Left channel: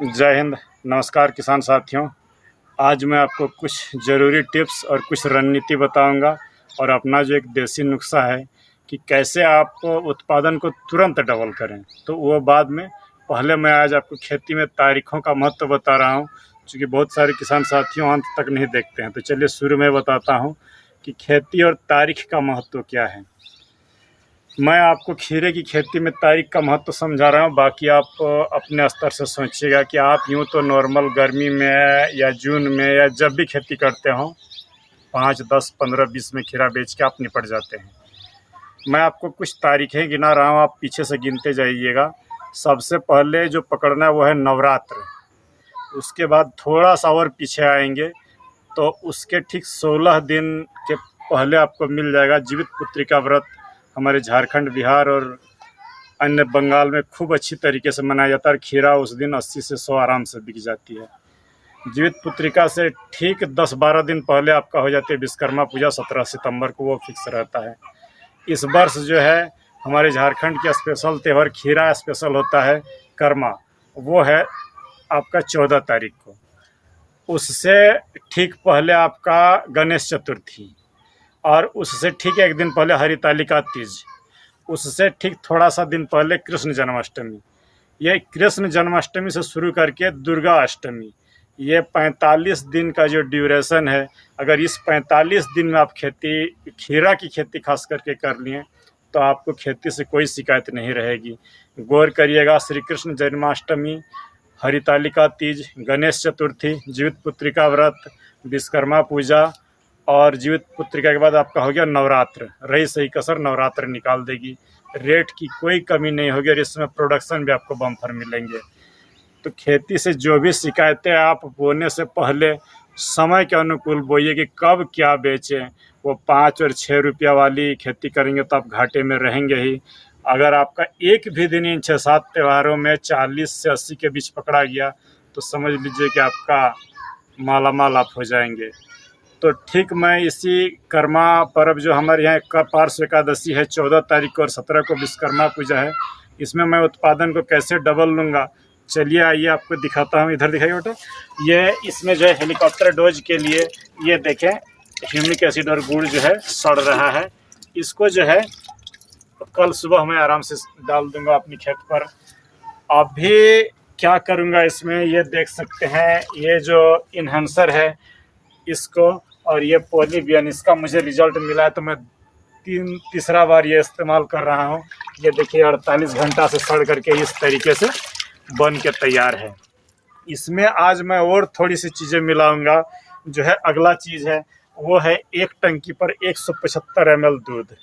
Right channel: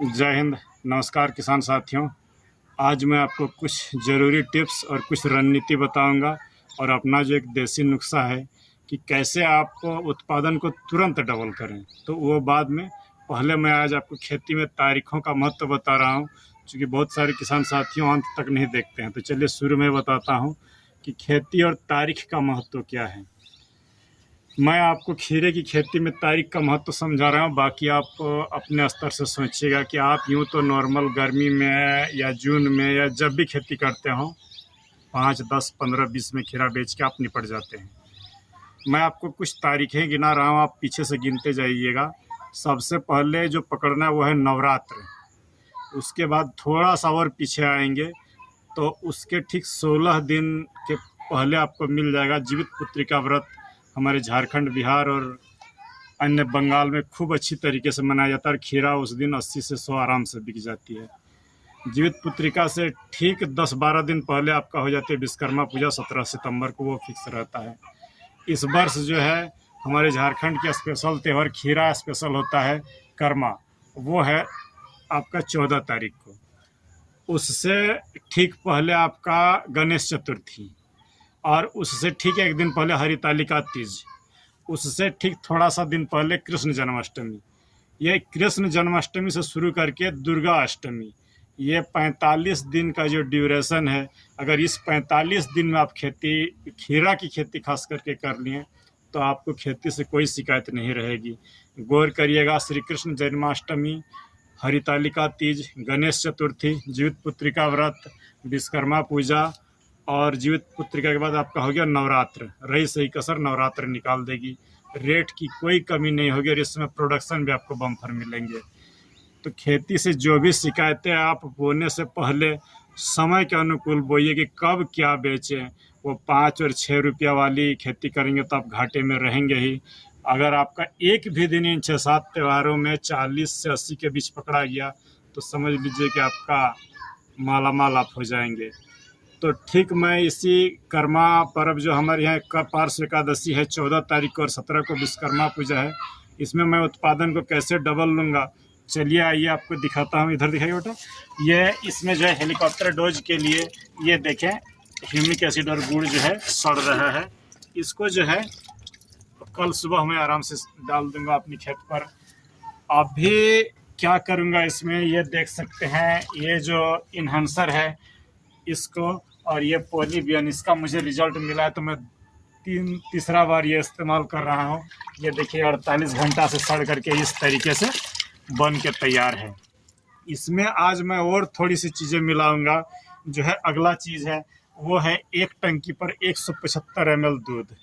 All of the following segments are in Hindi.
जय हिंद। नमस्कार किसान साथियों। आज मैं आपको कुछ ज़रूरी टिप्स और कुछ रणनीति बताऊंगा और अपना जो एक देसी नुस्खा है कि कैसे आप उत्पादन को तुरंत डबल करें, तो वो बाद में। पहले मैं आज आपको खेती में तारीखों का महत्व बता रहा हूँ, क्योंकि बहुत सारे किसान साथियों अंत तक नहीं देखते हैं। तो चलिए शुरू में बताता हूँ कि खेती और तारीख का महत्व क्या है। मैं आपको खीरे की खेती में तारीख का महत्व समझा रहा हूँ, बाकी आप अपने स्तर से सोचिएगा कि आप यूँ तो नॉर्मल गर्मी में या जून में या जब भी खेती करते हो 5, 10, 15, 20 में खीरा बेच के आप निपट जाते हैं। मैं आपको कुछ तारीखें गिना रहा हूँ, आप पीछे से गिनते जाइएगा। सबसे पहले जो पकड़ना है वो है नवरात्र। उसके बाद थोड़ा सा और पीछे आएंगे तो उसके ठीक 16 दिन के पहले आपको मिल जाएगा जीवित पुत्री का व्रत। हमारे झारखंड, बिहार और अन्य बंगाल में खूब अच्छी तरीके से मनाया जाता है। खीरा उस दिन 80 से 100 आराम से बिक जाती है। जीवित पुत्रिका से ठीक 10-12 दिन पहले आपका हो जाती है विश्वकर्मा पूजा, 17 सितंबर को, वो फिक्स रहता है। इस वर्ष जो है हमारे झारखंड का स्पेशल त्यौहार खीरा स्पेशल होता है कर्मा, वो है आपका 14 तारीख को। उससे ठीक पहले आपका गणेश चतुर्थी, और उससे ठीक एक दिन पहले हरितालिका तीज, उससे ठीक थोड़ा सा दिन पहले कृष्ण जन्माष्टमी। ये कृष्ण जन्माष्टमी से शुरू करके दुर्गा अष्टमी, ये 45 दिन का जो ड्यूरेशन है। अगर इस 45 दिन में आप खीरा की खेती खास करके कर लिए तो आपको खेती से कोई शिकायत नहीं रहेगी। गौर करिएगा, श्री कृष्ण जन्माष्टमी, हरितालिका तीज, गणेश चतुर्थी, जीवित पुत्रिका व्रत, विश्वकर्मा पूजा और जीवित पुत्रिका के बाद आपका हो गया नवरात्र। रही सही कसर नवरात्र निकाल देगी। रेट की कोई कमी नहीं होगी और इसमें प्रोडक्शन भी आपको बम्पर मिलेंगे। तो खेती से जो भी शिकायतें, आप बोने से पहले समय के अनुकूल बोइए कि कब क्या बेचें। वो 5 और 6 रुपया वाली खेती करेंगे तो आप घाटे में रहेंगे ही। अगर आपका एक भी दिन इन 6-7 त्योहारों में 40 से 80 के बीच पकड़ा गया तो समझ लीजिए कि आपका मालामाल आप हो जाएंगे। तो ठीक मैं इसी कर्मा पर्व जो हमारे यहाँ का पार्श्व एकादशी है 14 तारीख को और 17 को विश्वकर्मा पूजा है, इसमें मैं उत्पादन को कैसे डबल लूँगा, चलिए आइए आपको दिखाता हूँ। इधर दिखाइए बेटा। ये इसमें जो है हेलीकॉप्टर डोज के लिए, ये देखें ह्यूमिक एसिड और गुड़ जो है सड़ रहा है। इसको जो है कल सुबह मैं आराम से डाल दूँगा अपनी खेत पर। अभी क्या करूँगा इसमें, ये देख सकते हैं, ये जो इन्हेंसर है इसको और ये पॉलीबियन, इसका मुझे रिजल्ट मिला है तो मैं तीसरा बार ये इस्तेमाल कर रहा हूँ। ये देखिए 48 घंटा से सड़ करके इस तरीके से बन के तैयार है। इसमें आज मैं और थोड़ी सी चीज़ें मिलाऊंगा। जो है अगला चीज़ है वो है एक टंकी पर 175 ml दूध।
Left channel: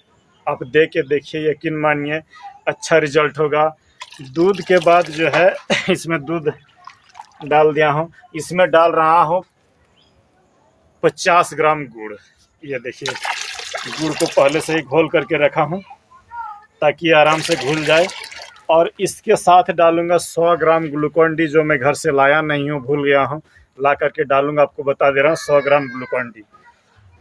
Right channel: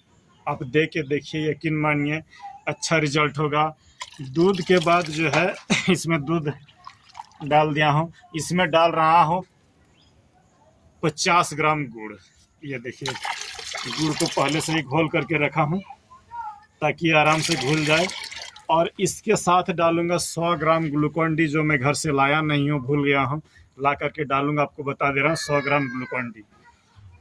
आप दे के देखिए, यकीन मानिए अच्छा रिजल्ट होगा। दूध के बाद जो है इसमें दूध डाल दिया हूँ। इसमें डाल रहा हूँ 50 ग्राम गुड़। ये देखिए गुड़ को पहले से ही घोल करके रखा हूँ ताकि आराम से घुल जाए। और इसके साथ डालूंगा 100 ग्राम ग्लूकोन डी, जो मैं घर से लाया नहीं हूँ, भूल गया हूँ, ला करके डालूंगा। आपको बता दे रहा हूँ 100 ग्राम ग्लूकोन डी।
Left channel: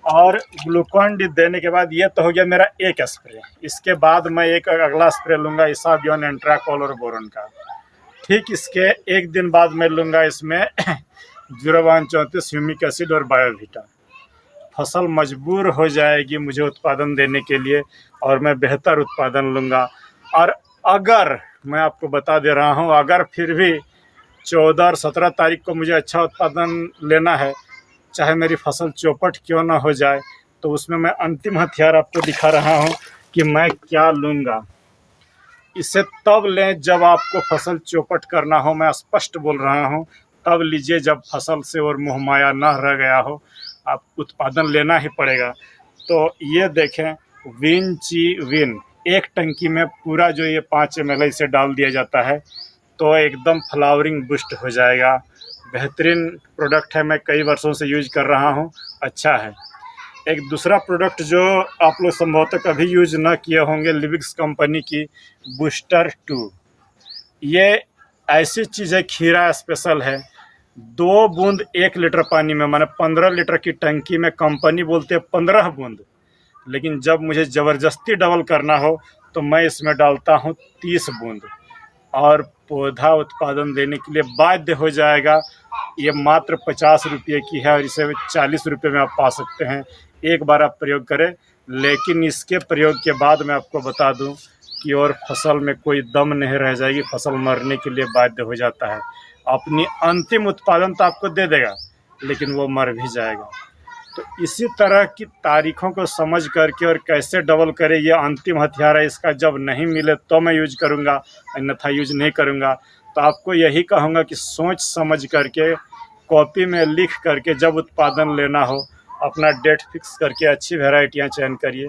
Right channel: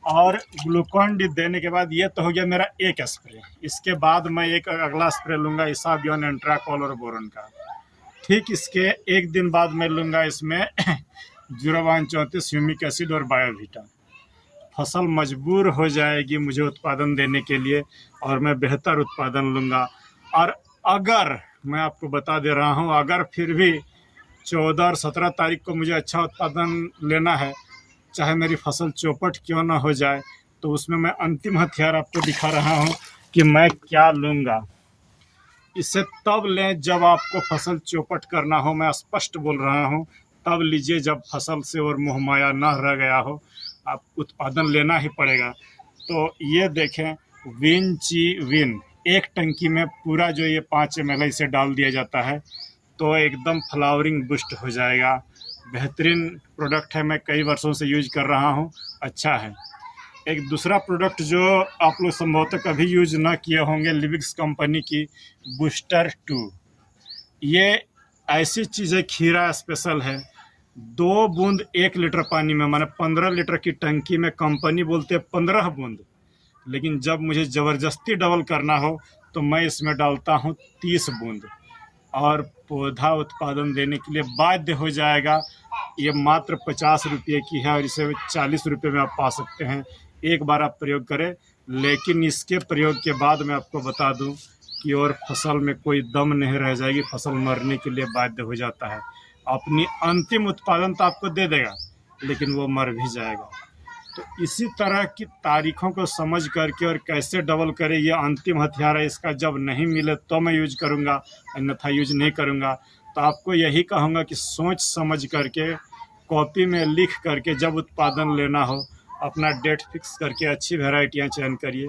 और ग्लूकोन डी देने के बाद ये तो हो गया मेरा एक स्प्रे। इसके बाद मैं एक अगला स्प्रे लूँगा इसाबियन, एंट्राकॉल और बोरन का। ठीक इसके एक दिन बाद मैं लूँगा इसमें 0-34 ह्यूमिक एसिड और बायोवीटा। फसल मजबूर हो जाएगी मुझे उत्पादन देने के लिए और मैं बेहतर उत्पादन लूँगा। और अगर मैं आपको बता दे रहा हूँ, अगर फिर भी 14 और 17 तारीख को मुझे अच्छा उत्पादन लेना है, चाहे मेरी फसल चौपट क्यों ना हो जाए, तो उसमें मैं अंतिम हथियार आपको दिखा रहा हूँ कि मैं क्या लूँगा। इसे तब लें जब आपको फसल चौपट करना हो, मैं स्पष्ट बोल रहा हूँ, तब लीजिए जब फसल से और मोहमाया ना रह गया हो। आप उत्पादन लेना ही पड़ेगा। तो ये देखें विन एक टंकी में पूरा जो ये 5 ml इसे डाल दिया जाता है तो एकदम फ्लावरिंग बूस्ट हो जाएगा। बेहतरीन प्रोडक्ट है, मैं कई वर्षों से यूज कर रहा हूँ, अच्छा है। एक दूसरा प्रोडक्ट जो आप लोग संभवतः कभी यूज ना किए होंगे, लिविक्स कंपनी की बूस्टर 2। ये ऐसी चीज़ है, खीरा स्पेशल है। 2 बूंद 1 लीटर पानी में, माने 15 लीटर की टंकी में कंपनी बोलते हैं 15 बूंद, लेकिन जब मुझे ज़बरदस्ती डबल करना हो तो मैं इसमें डालता हूँ 30 बूंद। और पौधा उत्पादन देने के लिए बाध्य हो जाएगा। ये मात्र 50 रुपये की है और इसे 40 रुपये में आप पा सकते हैं। एक बार आप प्रयोग करें, लेकिन इसके प्रयोग के बाद मैं आपको बता दूं कि और फसल में कोई दम नहीं रह जाएगी, फसल मरने के लिए बाध्य हो जाता है। अपनी अंतिम उत्पादन तो आपको दे देगा, लेकिन वो मर भी जाएगा। तो इसी तरह की तारीखों को समझ करके और कैसे डबल करें, ये अंतिम हथियार है। इसका जब नहीं मिले तो मैं यूज करूँगा, अन्यथा यूज नहीं करूँगा। तो आपको यही कहूँगा कि सोच समझ करके कॉपी में लिख करके जब उत्पादन लेना हो, अपना डेट फिक्स करके अच्छी वैरायटियाँ चयन करिए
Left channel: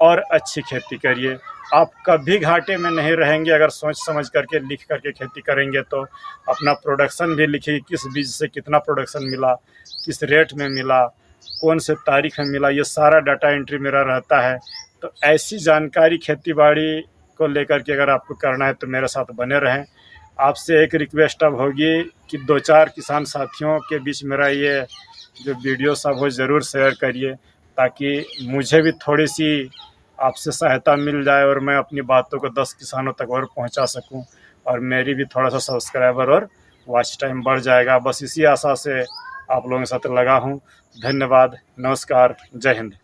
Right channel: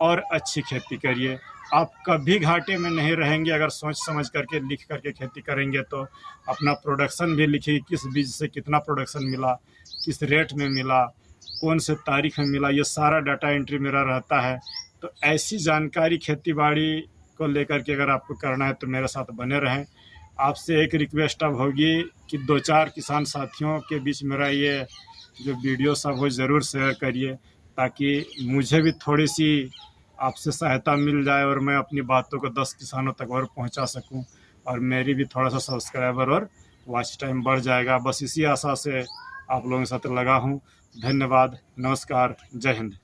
और अच्छी खेती करिए। आप कभी घाटे में नहीं रहेंगे अगर सोच समझ करके लिख करके खेती करेंगे। तो अपना प्रोडक्शन भी लिखिए, किस बीज से कितना प्रोडक्शन मिला, किस रेट में मिला, कौन से तारीख में मिला, ये सारा डाटा एंट्री मेरा रहता है। तो ऐसी जानकारी खेती बाड़ी को लेकर के अगर आपको करना है तो मेरे साथ बने रहें। आपसे एक रिक्वेस्ट अब होगी कि 2-4 किसान साथियों के बीच मेरा ये जो वीडियो सब हो ज़रूर शेयर करिए, ताकि मुझे भी थोड़ी सी आपसे सहायता मिल जाए और मैं अपनी बातों को 10 किसानों तक और पहुंचा सकूं, और मेरी भी थोड़ा सा सब्सक्राइबर और वॉच टाइम बढ़ जाएगा। बस इसी आशा से आप लोगों के साथ लगा हूं। धन्यवाद, नमस्कार, जय हिंद।